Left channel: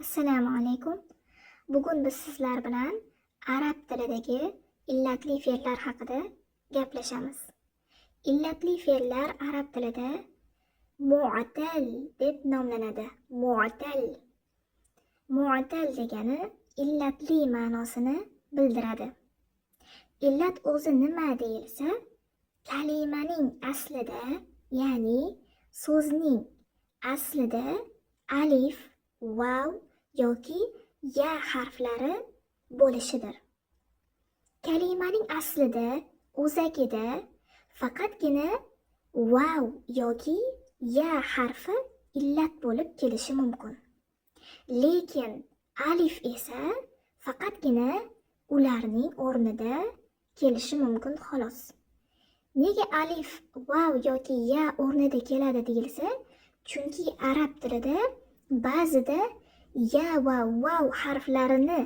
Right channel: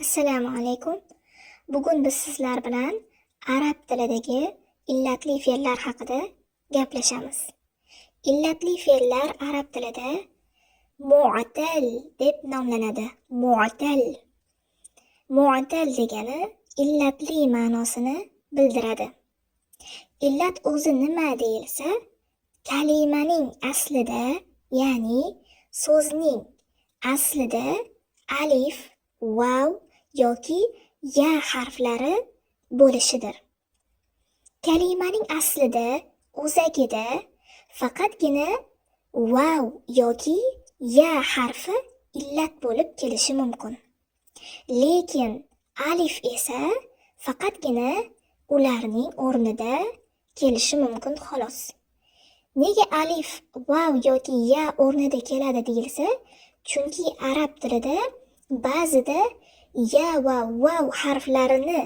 Assalomu alaykum. Bugun biz sizlar bilan arab tilidagi illatli fe'llar haqida gaplashamiz. Illatli fe'llar arab tilida mu'tal deb nomlanadi. Mu'tal. Mu'tal degani illatli ma'nosini bildiradi. Illat o'zi nima deyilsa, kalimaning aslida, ya'ni so'zning aslida alif, vav yoki ya harflari bo'lishidir. Kalimaning aslida, o'zagida faqatgina vav yoki ya harfi illat bo'lib kelishi mumkin. Lekin alif esa faqatgina ularning o'rnida kelishi mumkin xolos. Nega alif, vav yoki ya o'rnida keladi deyilsa, chunki arab tilida ba'zida ya va vav harflarini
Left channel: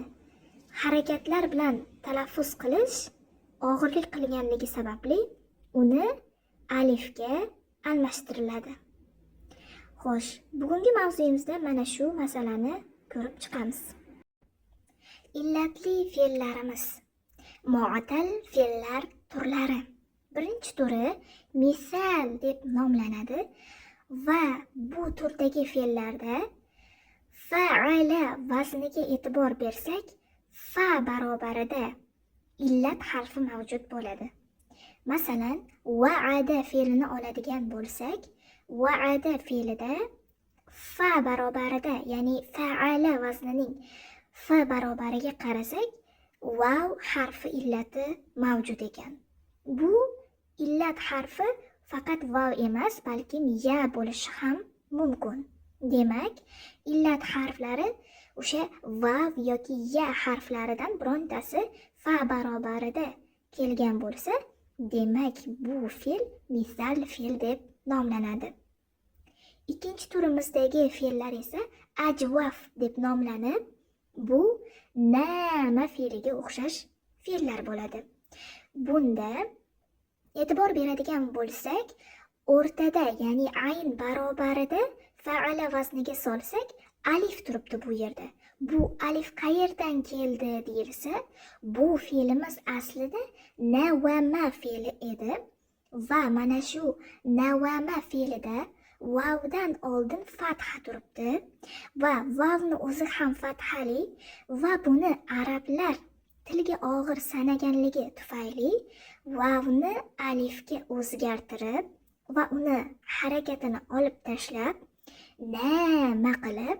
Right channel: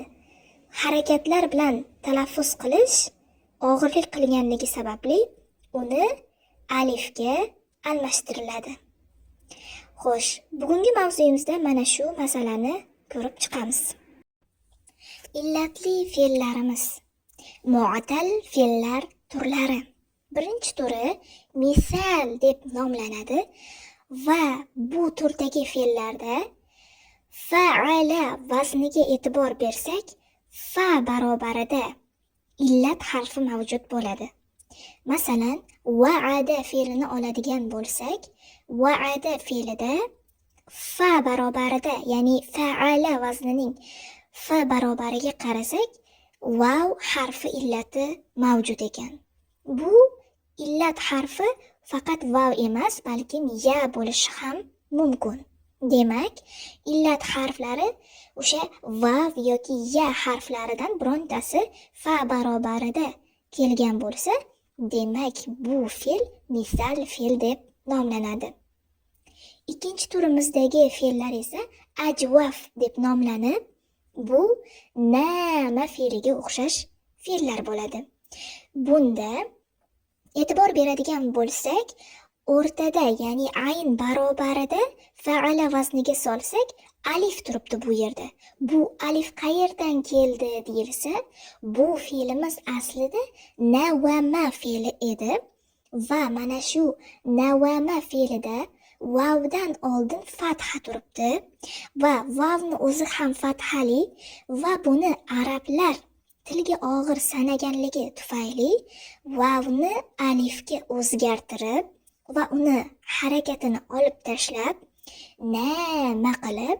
harakatlar bilan talaffuz qilish og'irlik qilganligi sababli uni alifga almashtiriladi. Xo'sh, bugungi mavzuyimizda mana shu masalani ko'rib chiqamiz. Illatli fe'llarimiz. Mu'tal fe'llar turlari. Birinchi turi misal deb nomlanadi va bu turdagi fe'llarda fa'ala vazniga e'tibor bersak, fa barobarida illat harfi mavjud bo'ladi. Masalan, wa'ada fe'lini oladigan bo'lsak, wa'ada fe'lida fa barobarida, ya'ni fa'ala vaznining fa barobariga qarasak, vav harfi illati mavjud ekan. Bu illat harfi faqat vav emas, balki ya bo'lishi ham mumkin. Demak, illat harflari o'sha vav yoki ya harflaridan birontasi fa barobarida kelgan bo'lsa, demak bu fe'l misal fe'l deb nomlanadi. Ikkinchi turimizdagi fe'llar esa ajvaf deb nomlanib, bu nama fe'liga o'xshash fe'llar bo'ladi. Bunda e'tibor beradigan bo'lsak, o'rtada, ya'ni ayn barobarida fa'ala vazniga solsak, alif turibdi bu yerda. Bu alif qayerdan keldi deyilsa, bu fe'limiz aslida nawama fe'li edi va mana shu nawama fe'lida vavdan oldin fatha turibdi va vavni o'zi ham fathali va buni arablar tilga og'ir sanaganligi tufayli vavni alifga o'zgartirib va uni harakatini olib tashlab nama qilib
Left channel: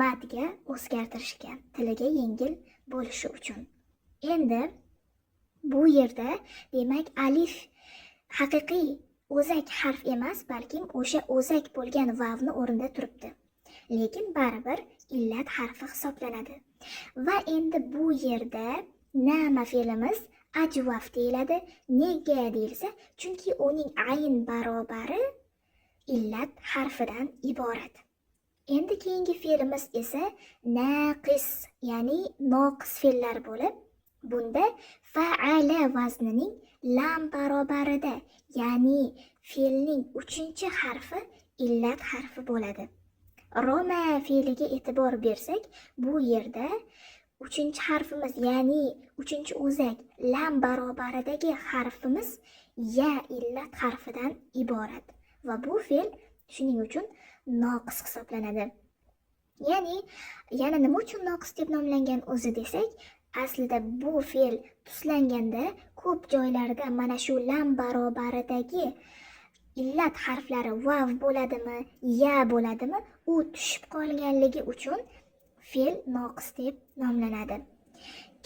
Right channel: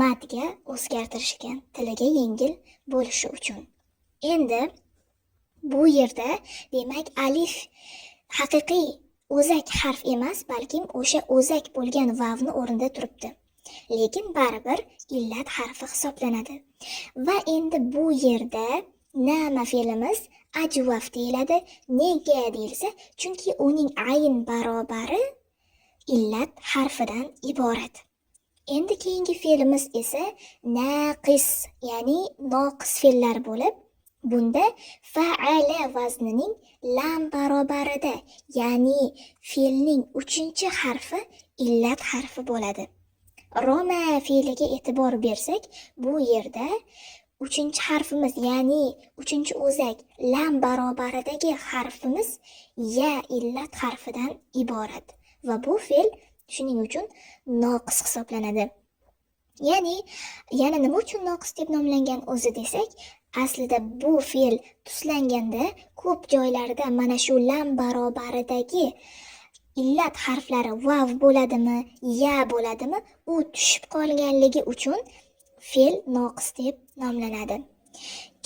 matga o'zgartirishgan, tiliga yengil bo'lishi uchun. Endi bu yerda demak alif haqiqiy o'zak harf emas, balkim o'sha o'zak bo'lgan vavni o'rnida turibdi. Lekin baribir illat harfi hisoblanadi. Va endi bu yerda nama fe'limiz ajvaf deyiladi. Nega deyilsa, chunki uning ayn barobari illat harfidan iborat. Endi keyingi fe'limiz esa naqis, ya'ni noqis fe'llar bo'lib, bunda fa'ala vaznining lam barobarida, ya'ni fe'lning 3-harfi illat harfi bo'ladi. Roma fe'liga e'tibor bersak, bu yerda 3-harfimiz, ya'ni 3-o'zak lam barobaridagi harfimiz ya illat harfidan iborat va bu fe'l shuning uchun noqis hisoblanadi. Ya'ni yana nima uchun noqis deb nomlangan o'zi desak, aslida bu fe'l tuslanganda ko'p joylarda mana shu lam barobaridagi illat harflari vav bo'ladimi, ya bo'ladimi, u tushib qolganligi uchun fe'l noqis deb nomlanadi.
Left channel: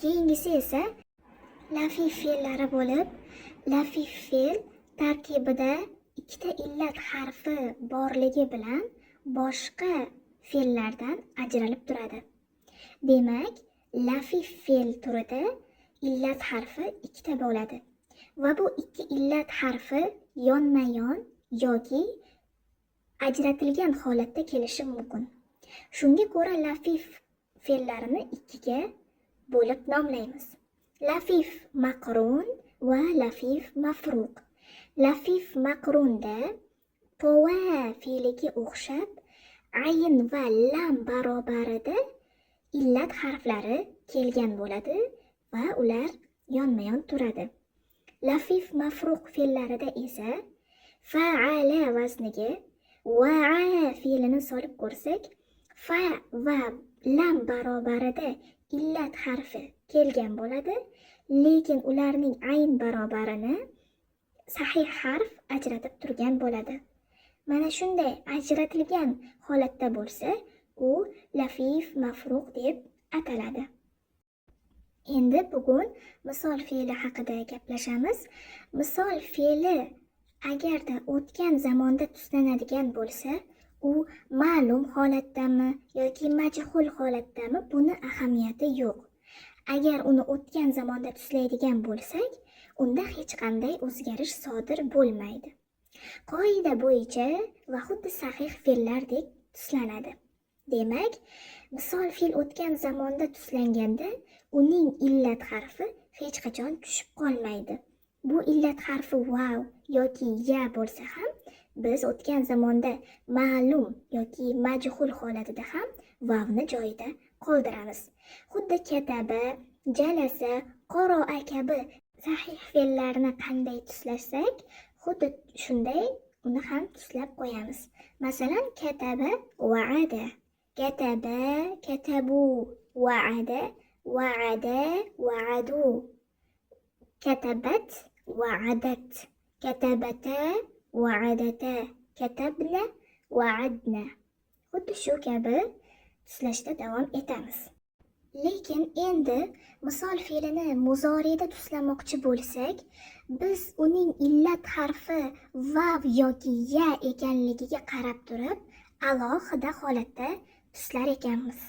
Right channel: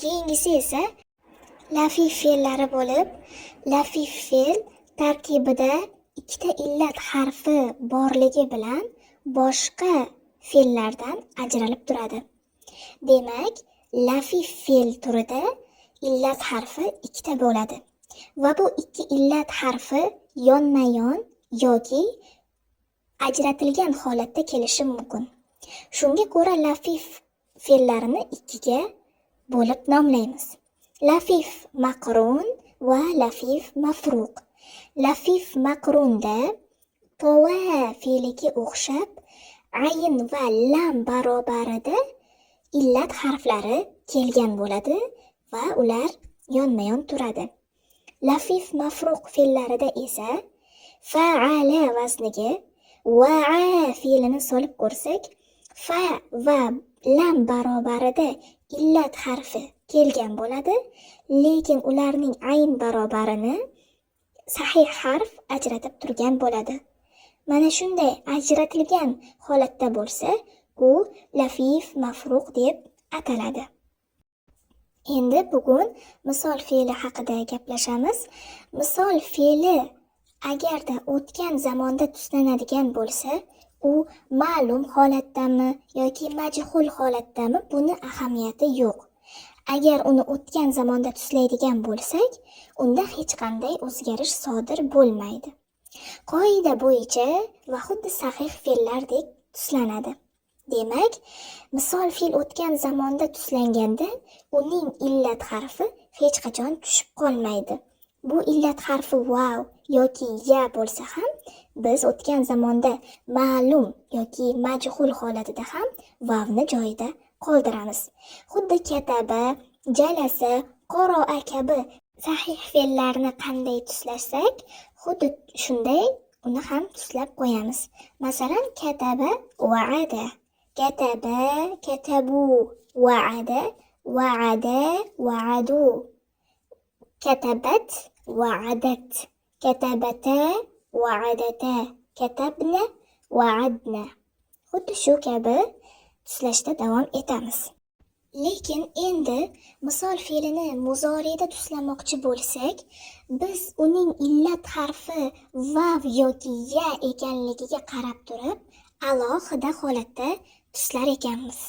Keyingisi esa lafif fe'llari bo'lib, lafif fe'l tarkibida ikkita illat harfi borligi bilan boshqa fe'llardan ajralib turadi. Demak, lafif fe'l turida illat harfi ikkita bo'ladi va bu ikki illat harfi yonma-yon yoki ajratilgan holatda kelishi mumkin. Shunga ko'ra lafif fe'llarini ikkiga bo'lib nomlaymiz. Lafif maqrun va lafif mafruq. Lafif maqrunda tova fe'liga o'xshab ayn va lam barobarida illat harflari kelgan bo'ladi va ular yonma-yon turadi. Lafif mafruq fe'llarida esa fa'ala vazniga va'a fe'lini solib ko'rsak, fa va lam barobarida illat harfi kelgan bo'ladi, lekin ularning ayn barobarini sahih harf ajratib turgan bo'ladi. Mana shunday ajratilgan holatda bo'lsa, u lafif mafruq deb ataladi. Endi bugun misol fe'li haqida gaplashamiz. Misol fe'li agarda o'tgan zamonda tuslanadigan bo'lsa, u ma'lum holatdami yoki majhul holatdami, buni ahamiyati yo'q. Agar uni o'tgan zamonda tuslaydigan bo'lsak, unda hech qanday o'zgarish sodir bo'lmaydi. Qoida bo'yicha va xuddi sahih fe'llardek tuslanadi. Demak, misol fe'l o'tgan zamonda tuslanganda uning illat harfi hech qachon tushib qolmaydi. Bu illat harfi vav yoki ya bo'lsa ham, biz o'tgan zamonda ma'lum yoki majhul holatida ham vavni joyida qoldiramiz. Xuddi kataba, jalasa, qoro'a kabi sahih fe'llarni qanday tuslasak, xuddi shunday uni ham tuslab qo'yamiz. Masalan, kataba, wa'ada, kataba, katabu, wa'ada, wa'ada, wa'adu, katabat, wa'adat, katabata, wa'adata, katabna, wa'adna. Xuddi shu kabi tuslashda davom etamiz. Lekin endi misol fe'lini muzoriyda tuslamoqchi bo'lsak, biz uning illat harfi vav yoki ya ekanligiga qarab turib, alohida holatda tuslar ekanmiz.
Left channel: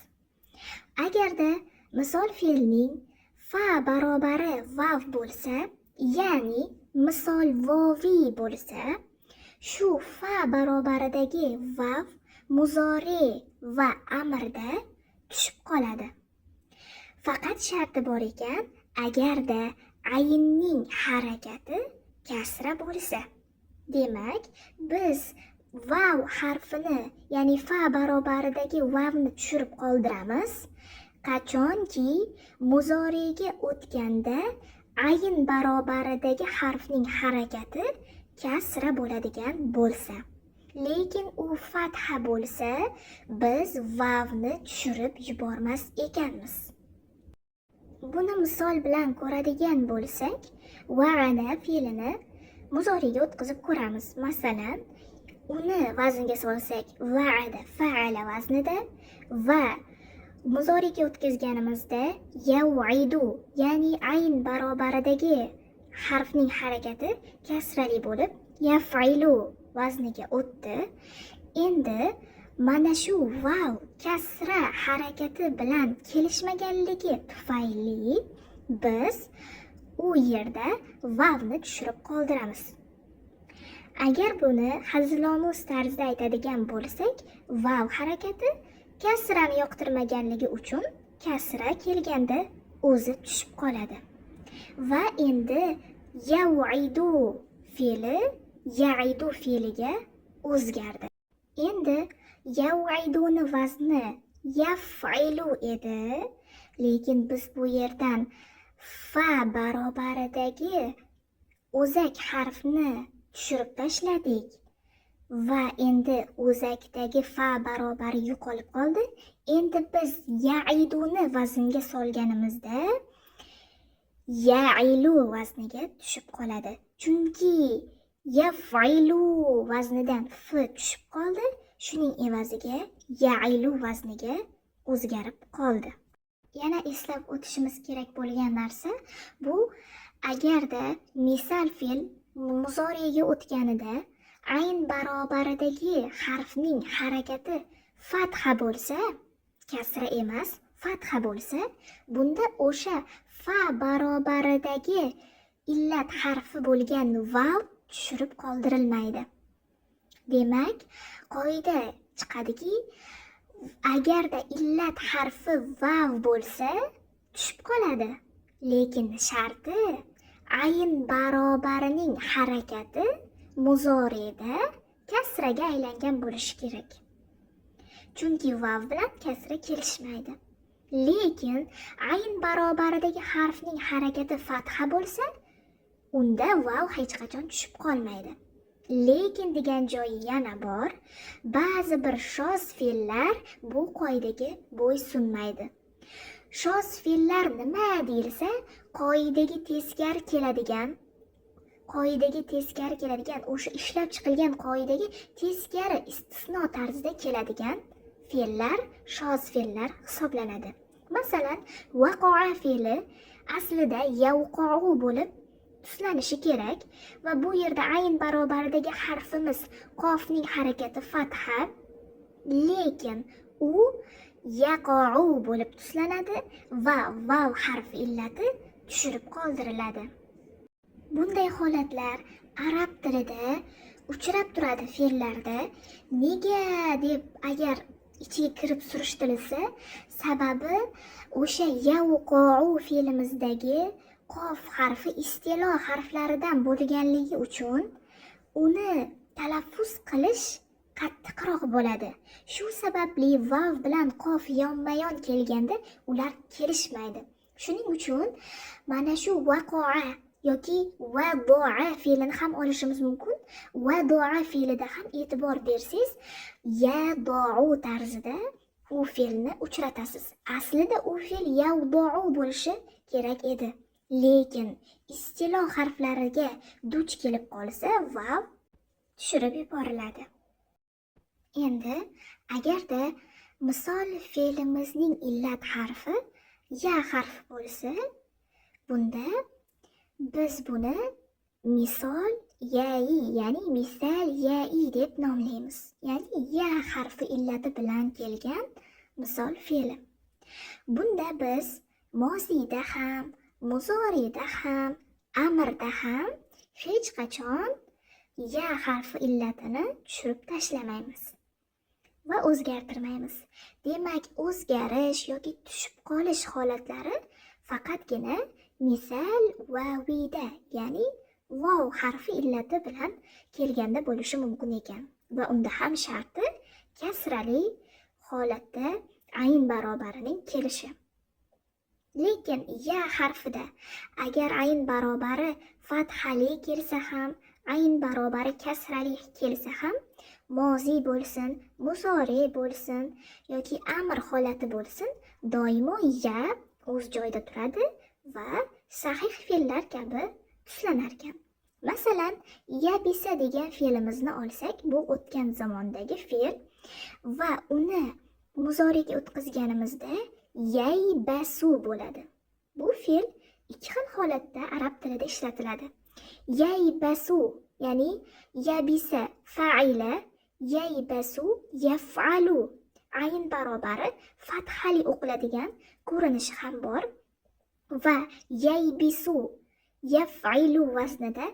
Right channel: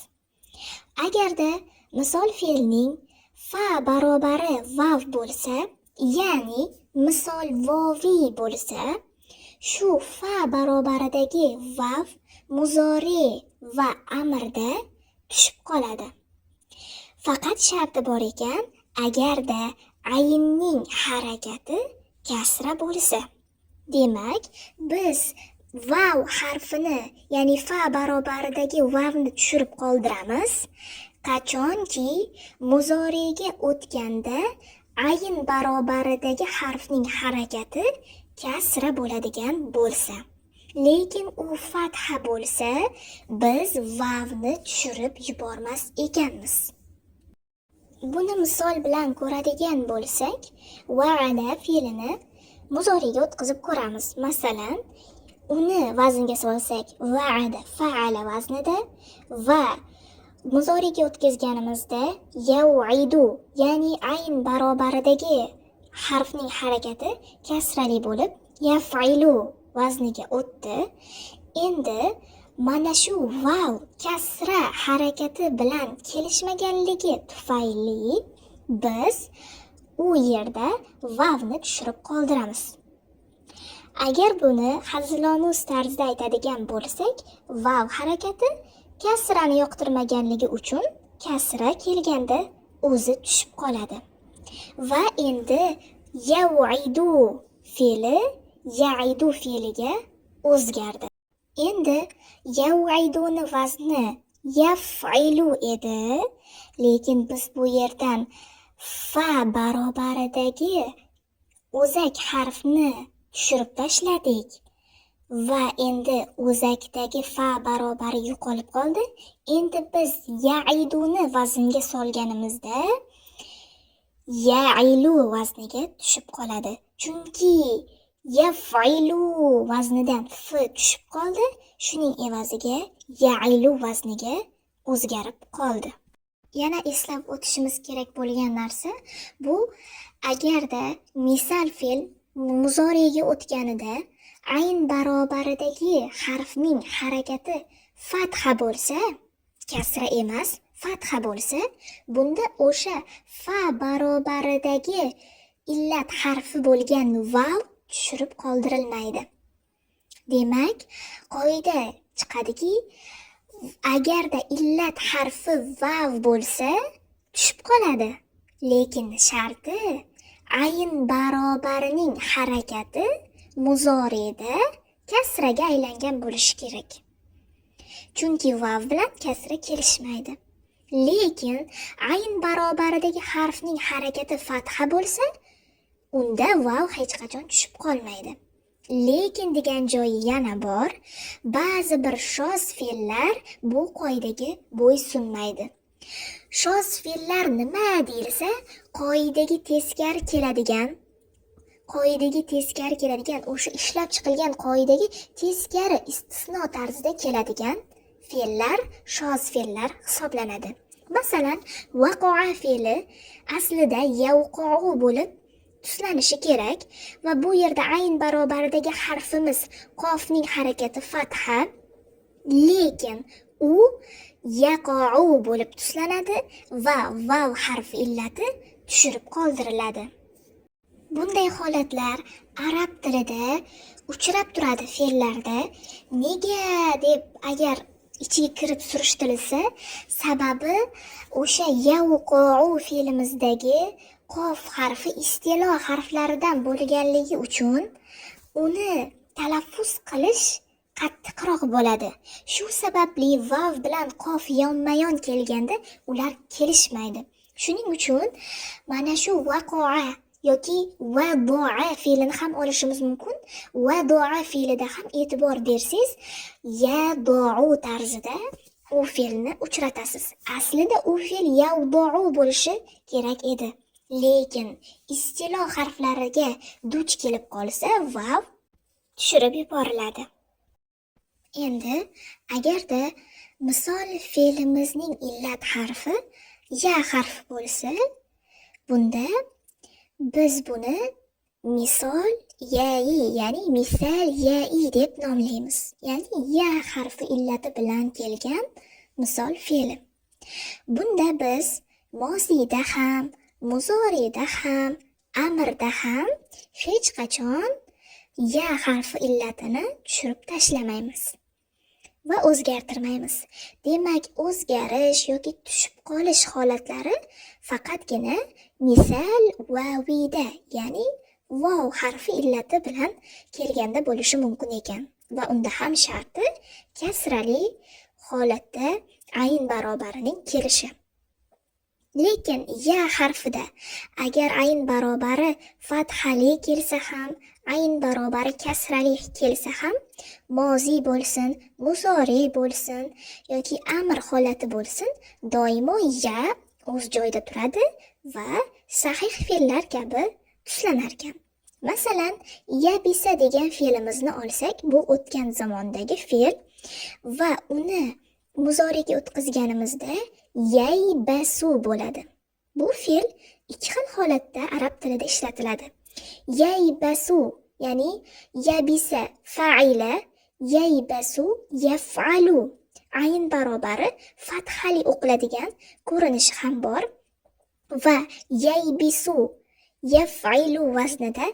Agarda misol fe'lning fa barobari vav bo'lsa, ya'ni misol voviy bo'lsa, shu fa barobaridagi vav muzori va amrda tushib qoladi. Faqat sharti bor ekan, agarda aynning harakati kasra bo'lsa. Demak, biz vav harfini, ya'ni fa barobaridagi vavni tushirib qoldiramiz. Qachonki muzoriga o'tganda ayn barobaridagi harfning harakati kasra bo'ladigan bo'lsa. Lekin u fatha bo'lsa, biz vavni tushirib yubormas ekanmiz. Buni misol bilan ko'radigan bo'lsak, va'ada fe'lini muzoriga o'tkazib ko'ramiz. Masalan, uni vaznga solsak, va'ada fa'ala vaznida va muzoriga o'tkazganimizda yau'idu, ya'ni ayn barobaridagi harfning harakati kasrali bo'lib, yaf'ilu vazniga o'tdi. Endi mana shu vav kasra harakati bilan kelishmaganligi tufayli biz u yerda vavni tushirib qoldiramiz. Agar buni hazilomuz tarzda aytadigan bo'lsak, vav harakati kasrani yoqtirmaganligi uchun kasra kelganda o'zi tushib qoladi. Va endi yau'idu fe'li ya'idu fe'liga o'zgardi. Endi yau'iduni vazni yaf'ilu edi, lekin biz bu yerdan fa barobaridagi o'zak harfni tushirib tashladik va endi o'zakdagi fa barobari yo'qolib qoldi. Endi biz ya'iduni vaznga solganimizda ya'ilu vazniga tushib qoladi. Chunki yaf'ilu vaznidan f tushib qoldi, shuning evaziga ya'ilu vazniga o'zgarib qoldi. Yana eslab o'tishimiz kerak bo'lgan narsa bu, agarda misol fe'l muzoriga o'tganida ayn barobaridagi harfning harakati fatha bo'lsa, kasra emas, fatha bo'lsa, bunda o'sha fa barobaridagi illat harfi bo'lgan vav tushirib qoldirilmaydi. Demak, qoida chiqadiki, agarda illat harfi vav bo'lsa, tushib qoladi. Lekin sharti ayn barobarining harakati muzorida kasraga aylangan bo'lishi kerak. Chunki vav bilan kasra kelishmaydi. Lekin ayn barobaridagi harfning harakati fatha bo'lsa, unda vav hech qachon tushib qolmaydi. Lekin degan joyi yana bor. Ba'zi bir shoz fe'llar bu qoidaga bo'ysunmaydi. Shoz fe'llar nima deyilsa, qoidaga teskari keladigan, o'sha ishlab chiqilgan qoidaga teskari istisno tarzida keladigan fe'llar shoz fe'llar hisoblanadi. Masalan, waqa'a fe'li aslida yawqa'u bo'lib tuslanishi kerak va bu yerda ayn barobaridagi harfimiz qofning harakati fatha, lekin u yaqa'u bo'lib tuslanadi va vav harfi illati tushirib qoldiriladi. Bunday holatlar arab tilida uchrab turadi fe'llarda. Nega deb agar ichiga kirib surishtirilsa, sababi o'sha yawqa'u fe'limizdagi qof harfi istilo harflaridan bo'lganligi uchun uni talaffuz qilish qattiqroq bo'ladi. Shu sababli vav bilan qof yonma-yon kelganda ular kelishmaydi. Shuning uchun mana shu waqa'a yoki vado'a fe'lini ham olishimiz mumkin. Vado'a fe'lida ham e'tibor bersangiz, yado'u tarzida u fe'lni uchratasiz. Aslida u fe'l yavdo'u bo'lishi kerak edi. Lekin istilo harflariga duch kelib qolsa, vav tushirib yuboriladi. Endi agarda misol fe'limizning illat harfi ya harfi bo'lsa, bunda biz buni misol ya'i, ya'ni misal ya'i deb nomlaymiz. Ya'ni ya harfi illati bilan kelgan misol fe'li. Bunda biz mozida ham, muzorida ham, amrda ham hech qachon ya harfi illatini tushirib tashlamaymiz va o'zgartirmaymiz. Demak, o'zgarish yoki tushib qolish holatlari faqatgina misal vavida, ya'ni vav harfi illati bilan kelganda bo'lishi mumkin ekan. Va unda ham sharti kasrali holatda ayn barobarining kelishi. Lekin ya harfida agar ayn barobari fathali kelsa ham, ayn barobari kasrali kelsa ham, mozi bo'lsin, muzori bo'lsin yoki amr holati bo'lsin, doimo ya o'z joyida turadi va sahih fe'llar kabi tuslanar ekan. Masalan, yabisa degan fe'limizni olsak, bu o'tgan zamondagi fe'l va uni muzoriga o'tkazganimizda yaybasu bo'ladi. Bu fe'l ikki xil holatda arab tilida ishlatiladi. Yaybasu, ya'ni yabisa fa'ila, yaybasu yaf'alu. Ayn barobari fathali o'qiladigan ko'rinishi ham bor va yaybisu yaf'ilu vaznida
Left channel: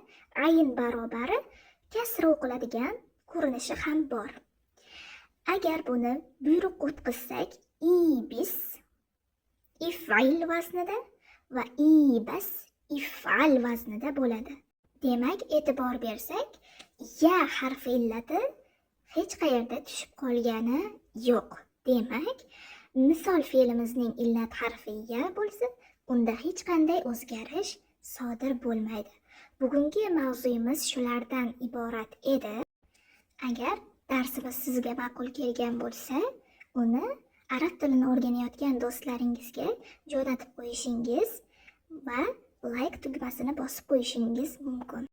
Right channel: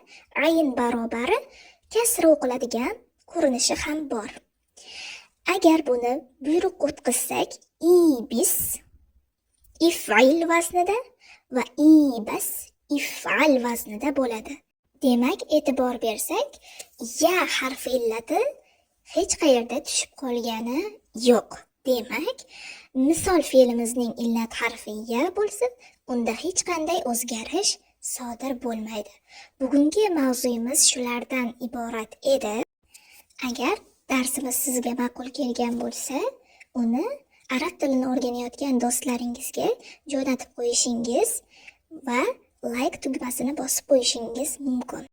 ayn barobari kasra o'qiladigan ko'rinishi ham bor. Agar buni buyruq o'tkazsak, ibis if'il vaznida va ibas if'al vaznida bo'ladi. Demak, e'tibor bersak, ya harfi illati hech qayerda tushib qolgani yo'q. Demak, misol fe'limizning illat harfi ya bo'lsa, unda hech qanday o'zgarish sodir bo'lmaydi. Bugungi mavzuyimiz shulardan iborat edi. Agar darsimiz sizga ma'qul kelgan bo'lsa, uni arab tilini o'rganayotgan do'stlaringizga jo'natib qo'yishingiz va like tugmasini bosib qo'yishingiz mumkin.